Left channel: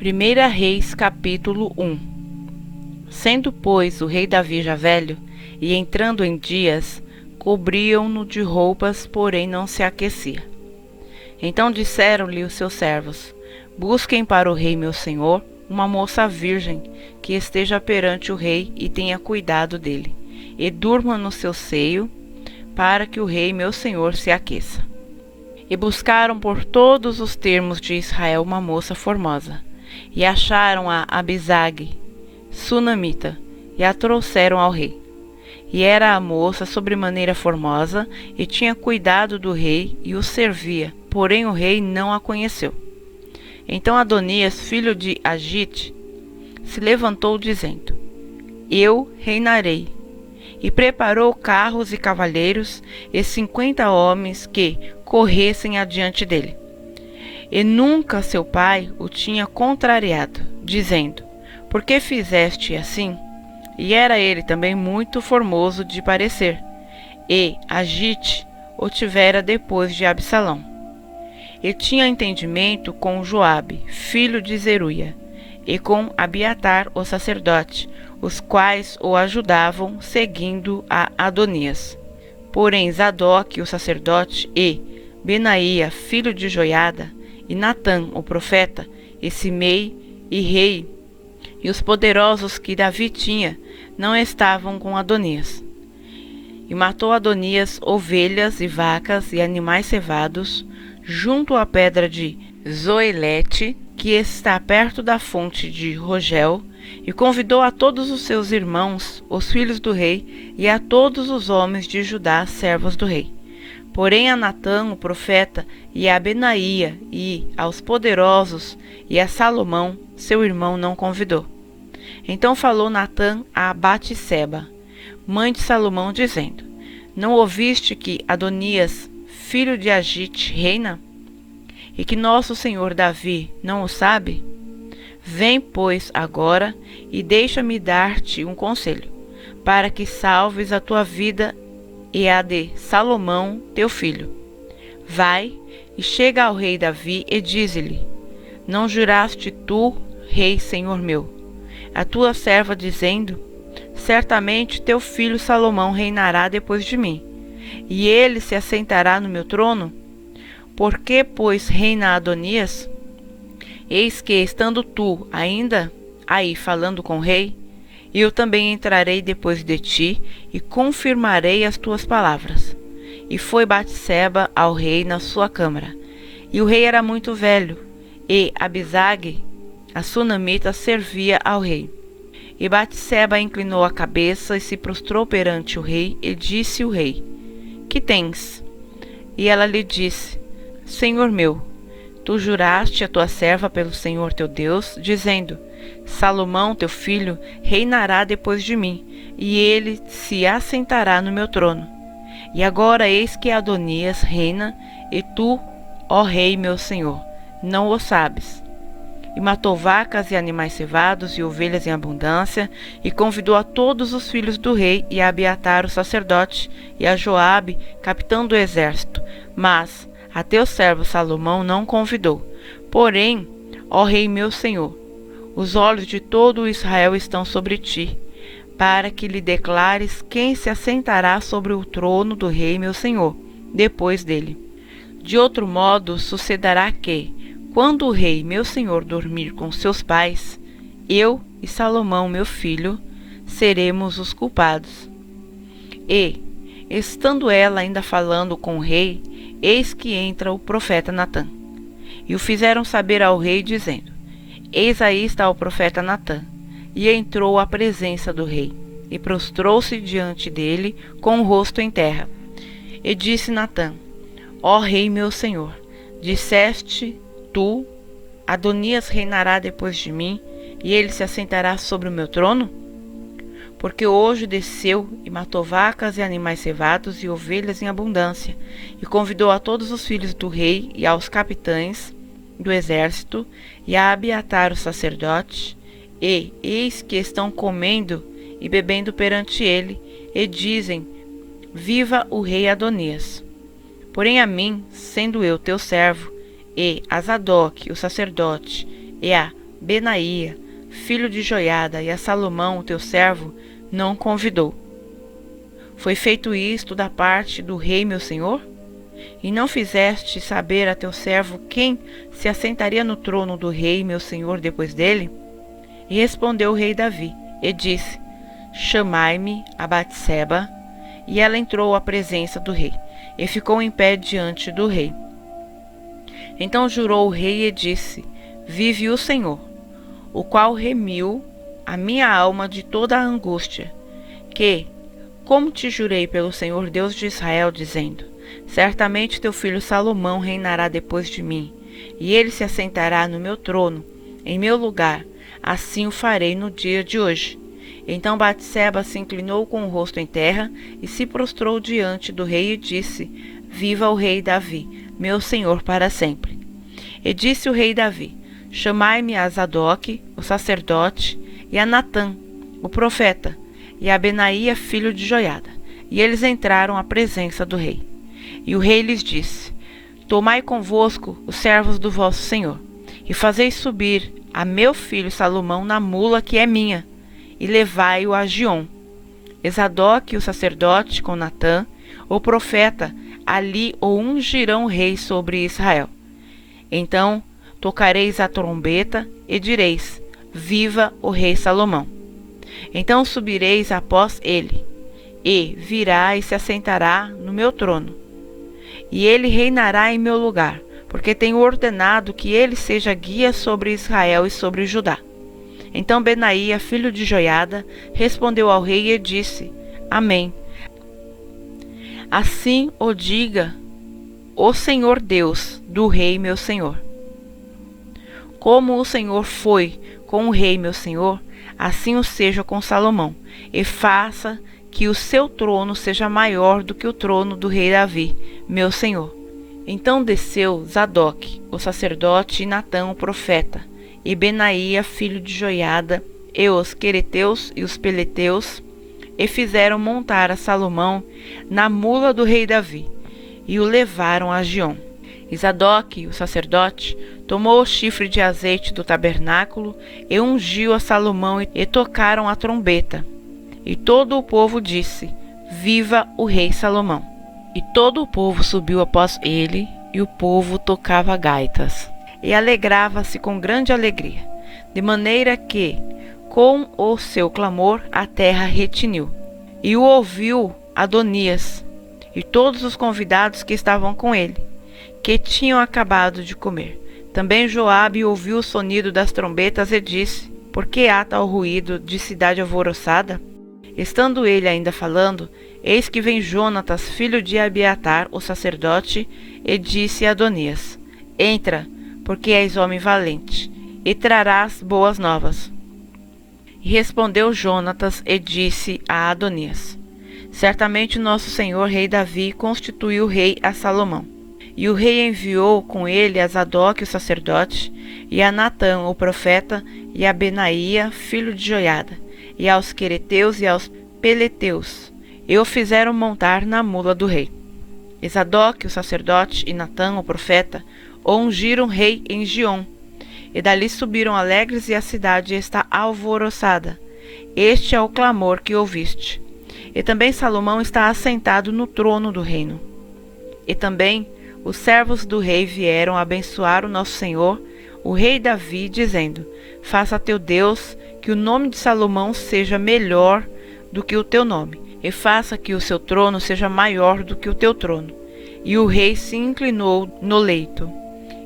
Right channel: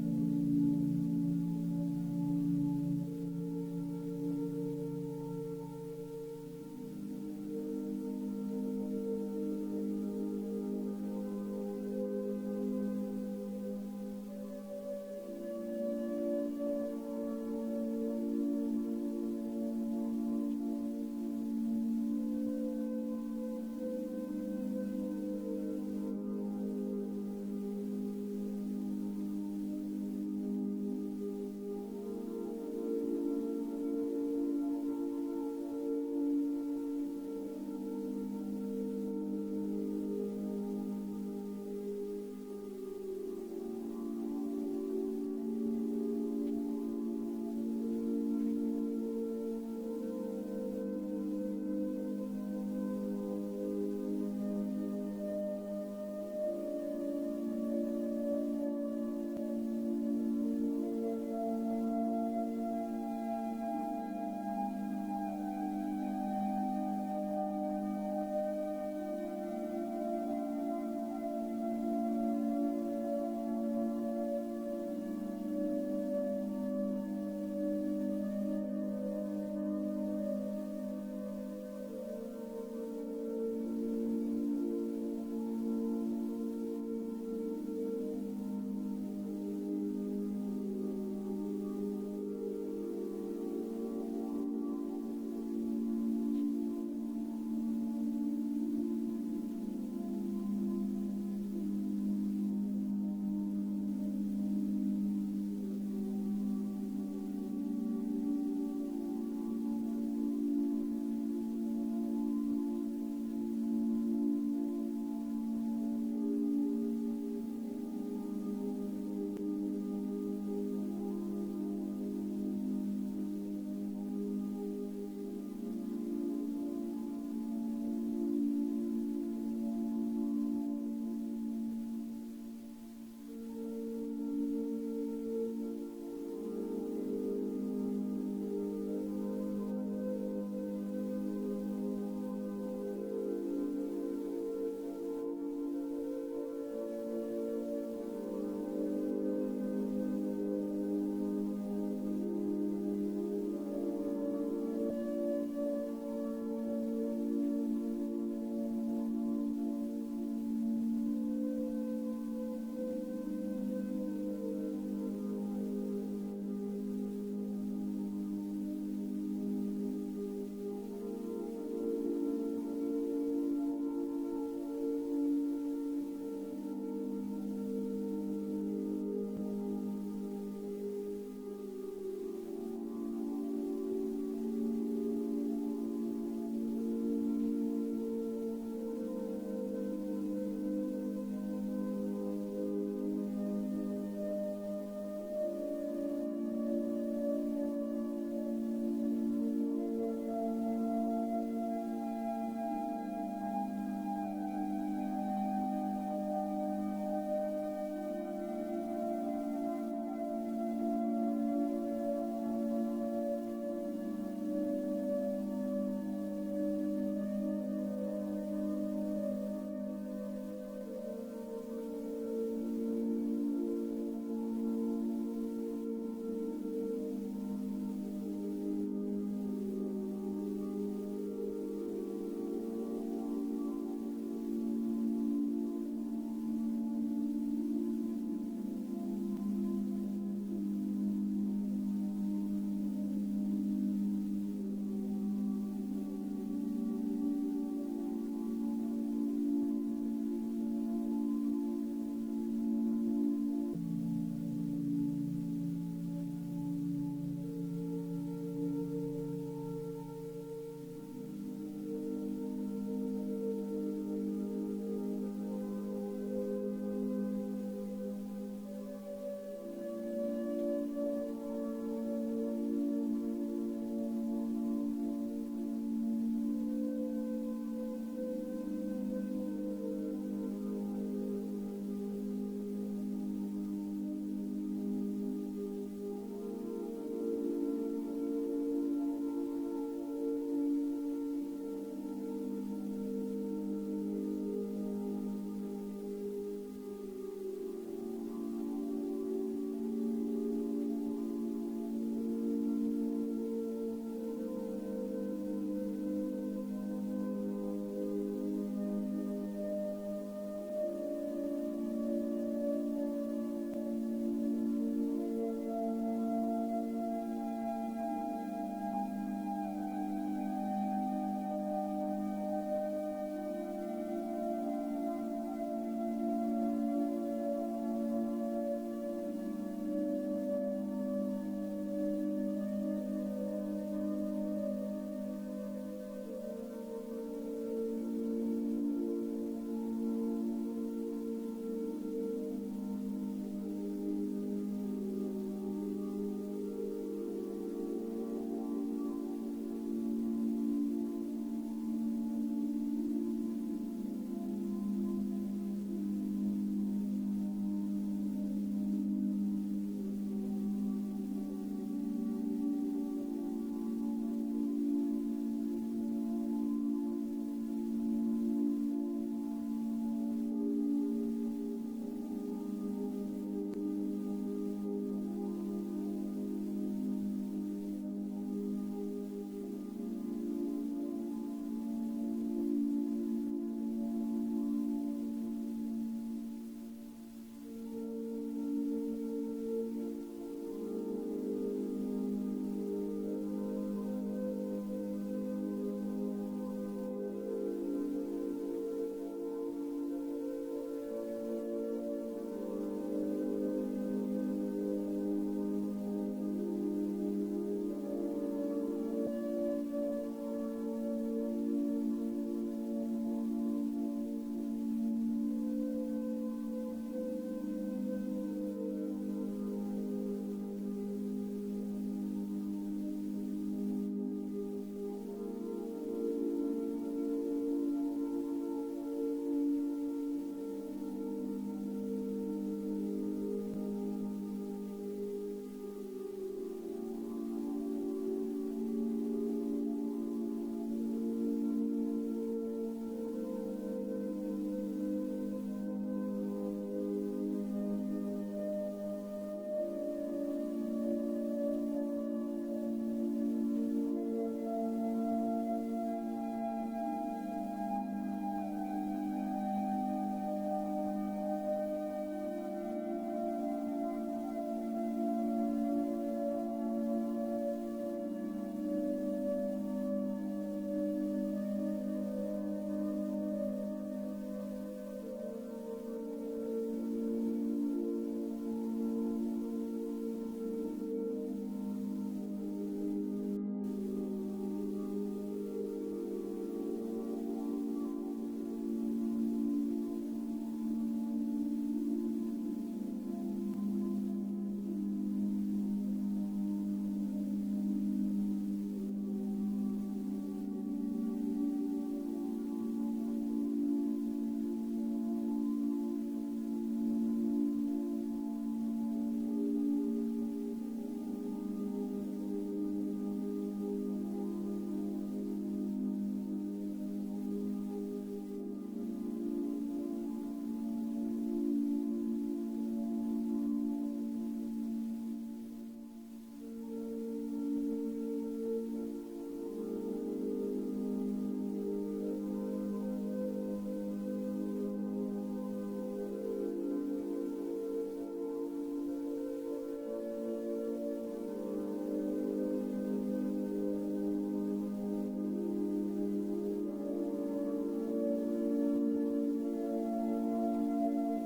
1 Reis, capítulo 1. Sendo, pois, o rei Davi já velho, e entrando em dias, cobriam-no de roupas, porém não se aquecia. Então disseram-lhe os seus servos: Busquem para o rei meu senhor uma moça virgem, que esteja perante o rei e tenha cuidado dele, e durma no seu seio, para que o rei meu senhor se aqueça. E buscaram por todos os termos de Israel uma moça formosa, e acharam a Abisag, sunamita, e a trouxeram ao rei. E era a moça sobremaneira formosa, e tinha cuidado do rei, e o servia, porém o rei não a conheceu. Então Adonias, filho de Agite, se levantou dizendo: Eu reinarei. E preparou carros e cavaleiros, e 50 homens que corressem adiante dele. E nunca seu pai o tinha contrariado, dizendo: Por que fizeste assim? E era ele também muito formoso de parecer, e Agite o tivera depois de Absalão. E tinha entendimento com Joabe, filho de Zeruia, e com Abiatar o sacerdote, os quais o ajudavam, seguindo a Adonias. Porém Zadok o sacerdote, e Benaía, filho de Joiada, e Natã o profeta, e Simei e rei, e os poderosos que Davi tinha, não estavam com Adonias. E matou Adonias ovelhas e vacas e animais cevados, junto à pedra de Zoelete, que está perto da fonte de Rogel, e convidou a todos os seus irmãos, os filhos do rei, e a todos os homens de Judá, servos do rei. Porém a Natã, o profeta, e a Benaía, e aos poderosos, e a Salomão, seu irmão, não convidou. Então falou Natã a Batseba, mãe de Salomão, dizendo: Não ouviste que Adonias, filho de Agite, reina? E que nosso senhor Davi não o sabe? Vem, pois, agora, e deixa-me dar-te um conselho, para que salves a tua vida e a de Salomão, teu filho. Vai e chega ao rei Davi e dize-lhe: Não juraste tu, rei senhor meu, a tua serva, dizendo: Certamente teu filho Salomão reinará depois de mim, e ele se assentará no meu trono? Por que, pois, reina Adonias? Eis que, estando tu ainda aí falando com o rei, eu também entrarei depois de ti e confirmarei as tuas palavras. E foi Batseba ao rei na sua câmara. E o rei era muito velho, e Abisag, a sunamita, servia ao rei. E Batseba inclinou a cabeça e se prostrou perante o rei, e disse o rei: Que tens? E ela lhe disse: Senhor meu, tu juraste a tua serva pelo Senhor teu Deus, dizendo: Salomão, teu filho, reinará depois de mim, e ele se assentará no meu trono. E agora eis que Adonias reina, e tu, ó rei meu senhor, não o sabes. E matou vacas e animais cevados e ovelhas em abundância, e convidou a todos os filhos do rei, e a Abiatar o sacerdote, e a Joabe, capitão do exército, mas a teu servo Salomão não convidou. Porém, ó rei meu senhor, os olhos de todo o Israel estão sobre ti, para que lhe declares quem se assentará sobre o trono do rei meu senhor, depois dele. De outro modo sucederá que, quando o rei meu senhor dormir com seus pais, eu e Salomão meu filho seremos os culpados. E, estando ela ainda falando com o rei, eis que entra o profeta Natã. E o fizeram saber ao rei, dizendo: Eis aí está o profeta Natã. E entrou à presença do rei, e prostrou-se diante dele com o rosto em terra. E disse Natã: Ó rei meu senhor, disseste tu: Adonias reinará depois de mim, e ele se assentará sobre o meu trono? Porque hoje desceu e matou vacas e animais cevados e ovelhas em abundância, e convidou a todos os filhos do rei e aos capitães do exército, e a Abiatar o sacerdote, e eis que estão comendo e bebendo perante ele, e dizem: Viva o rei Adonias. Porém a mim, sendo eu teu servo, e a Zadok o sacerdote, e a Benaía, filho de Joiada, e a Salomão, teu servo, não convidou. Foi feito isto da parte do rei meu senhor? E não fizeste saber a teu servo quem se assentaria no trono do rei meu senhor depois dele? E respondeu o rei Davi, e disse: Chamai-me a Batseba. E ela entrou à presença do rei, e ficou em pé diante do rei. Então jurou o rei e disse: Vive o Senhor, o qual remiu a minha alma de toda a angústia, que, como te jurei pelo Senhor Deus de Israel, dizendo: Certamente teu filho Salomão reinará depois de mim, e ele se assentará no meu trono, em meu lugar, assim o farei no dia de hoje. Então Batseba se inclinou com o rosto em terra e se prostrou diante do rei e disse: Viva o rei Davi, meu senhor para sempre. E disse o rei Davi: Chamai-me a Zadok, o sacerdote, e a Natã, o profeta, e a Benaía, filho de Joiada. E eles entraram à presença do rei. E o rei lhes disse: Tomai convosco os servos do vosso senhor, e fazei subir a meu filho Salomão na mula que é minha, e levai-o a Giom. E Zadok, o sacerdote, com Natã, o profeta, ali o ungirão rei sobre Israel. Então tocareis a trombeta e direis: Viva o rei Salomão. Então subireis após ele, e virá e se assentará no meu trono. E ele reinará em meu lugar, porque tenho ordenado que ele seja guia sobre Israel e sobre Judá. Então Benaía, filho de Joiada, respondeu ao rei e disse: Amém. Assim o diga o Senhor Deus do rei meu senhor. Como o Senhor foi com o rei meu senhor, assim o seja com Salomão, e faça que o seu trono seja maior do que o trono do rei Davi, meu senhor. Então desceu Zadok, o sacerdote, e Natã, o profeta, e Benaía, filho de Joiada, e os quereteus e os peleteus, e fizeram montar a Salomão na mula do rei Davi, e o levaram a Giom. E Zadok, o sacerdote, tomou o chifre de azeite do tabernáculo e ungiu a Salomão, e tocaram a trombeta. E todo o povo disse: Viva o rei Salomão! E todo o povo subiu após ele, e o povo tocava gaitas, e alegrava-se com grande alegria, de maneira que, com o seu clamor, a terra retiniu. E o ouviu Adonias, e todos os convidados que estavam com ele, que tinham acabado de comer. Também Joabe ouviu o sonido das trombetas e disse: Por que há tal ruído de cidade alvoroçada? Estando ele ainda falando, eis que vem Jonatas, filho de Abiatar, o sacerdote, e disse a Adonias: Entra, porque és homem valente, e trarás boas novas. E respondeu Jonatas e disse a Adonias: Certamente nosso senhor rei Davi constituiu rei a Salomão. E o rei enviou com ele a Zadok, o sacerdote, e a Natã, o profeta, e a Benaía, filho de Joiada, e aos quereteus e aos peleteus, e o fizeram montar na mula do rei. E Zadok, o sacerdote, e Natã, o profeta, o ungiram rei em Giom. E dali subiram alegres, e a cidade está alvoroçada. Este é o clamor que ouviste. E também Salomão está assentado no trono do reino. E também os servos do rei vieram abençoar o nosso senhor, o rei Davi, dizendo: Faça a teu Deus que o nome de Salomão seja melhor do que o teu nome, e faça que o seu trono seja maior do que o teu trono. E o rei se inclinou no leito.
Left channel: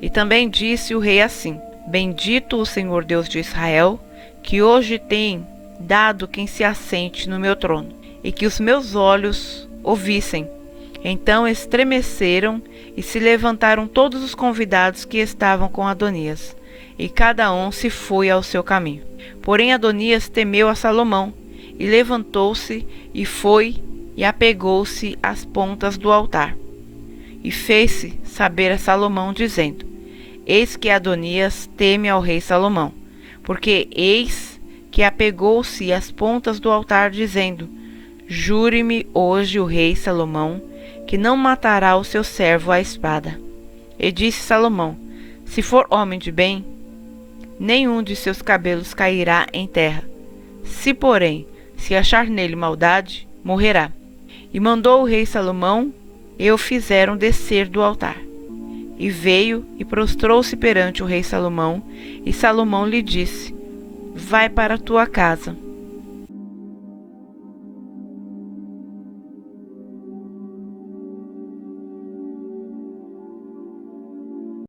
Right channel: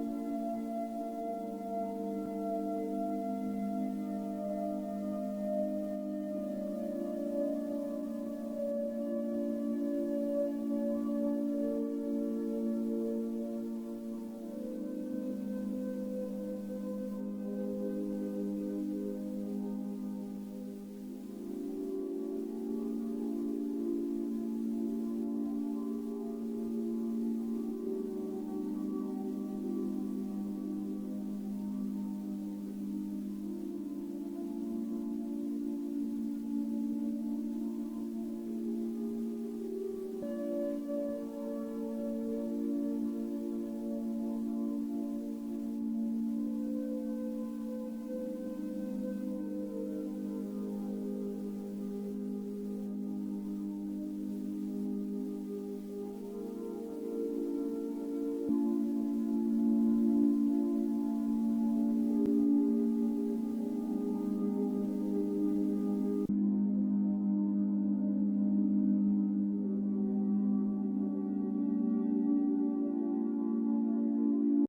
E também disse o rei assim: Bendito o Senhor Deus de Israel, que hoje tem dado quem se assente no meu trono, e que os meus olhos o vissem. Então estremeceram e se levantaram todos os convidados que estavam com Adonias, e cada um se foi ao seu caminho. Porém Adonias temeu a Salomão, e levantou-se, e foi, e apegou-se às pontas do altar. E fez-se saber a Salomão, dizendo: Eis que Adonias teme ao rei Salomão, porque eis que apegou-se às pontas do altar, dizendo: Jure-me hoje o rei Salomão, que não matará o seu servo à espada. E disse Salomão: Se for homem de bem, nenhum de seus cabelos cairá em terra. Se, porém, se achar nele maldade, morrerá. E mandou o rei Salomão, e o fizeram descer do altar. E veio e prostrou-se perante o rei Salomão, e Salomão lhe disse: Vai para a tua casa.